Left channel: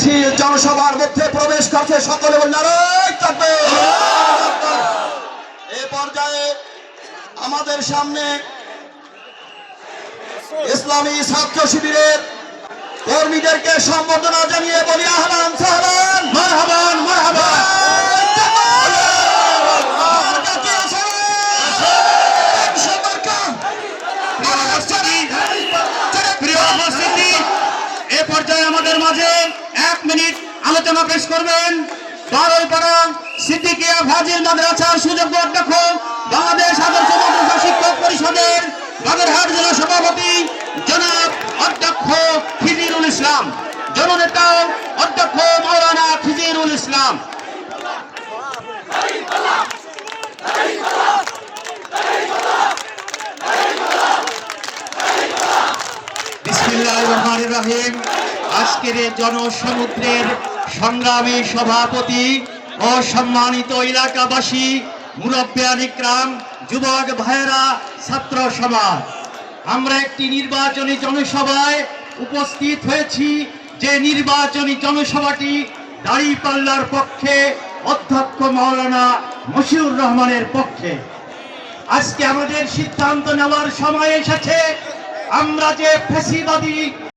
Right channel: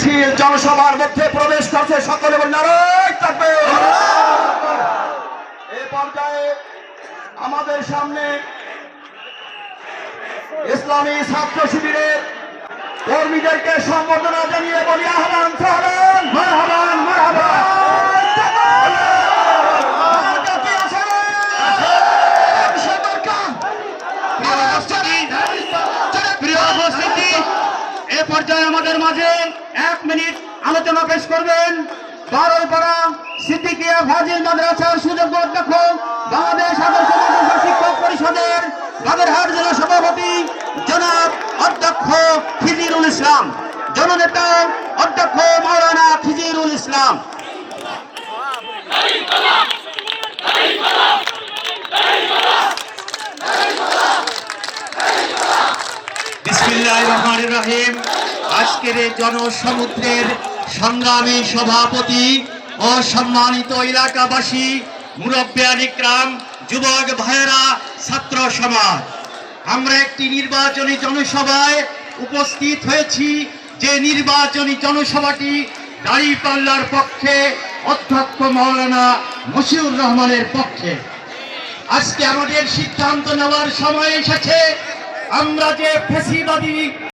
মিছিল জনসভার মধ্যে প্রবেশ করছে। সকলে নারায়ণ তাকবীর। এই পর্যায়ে আমাদের সামনে ইসলামী ছাত্র শিবিরের কর্মীদেরকে সম্বর্ধনা জানিয়ে বলি আহলান সাহলান মারহাবান মারহাবান। এ পর্যায়ে আমাদের মাঝে 1 মিনিট আলোচনা পেশ করবেন বারোইপাড়া সিদ্দিকিয়া ফাজিল মাদ্রাসার সুযোগ্য অধ্যক্ষ, বাংলাদেশ আদর্শ মাদ্রাসা শিক্ষক পরিষদের বাগেরহাট জেলা সভাপতি জনাব অধ্যক্ষ খিজিরুল ইসলাম, জননেতা অধ্যক্ষ মৌলানা খিজিরুল ইসলাম। বিসমিল্লাহির রহমানির রহিম। আজকের এই জনসমুদ্রের সংগ্রামী সভাপতি ও সম্মানিত এলাকাবাসী, মুরব্বিয়ান ইকরাম, যুবক ভাইয়েরা, ছাত্র সমাজ, আমরা একটি নির্বাচনী জনসভায় উপস্থিত হয়েছি। যে নির্বাচনী জনসভাটি দাঁড়িপাল্লার পক্ষে, অধ্যক্ষ মাওলানা মশিউর রহমানের পক্ষে। আজকে আমাদের সিদ্ধান্ত নেওয়ার সময় এসেছে। আমরা যে ফ্যাসিবাদী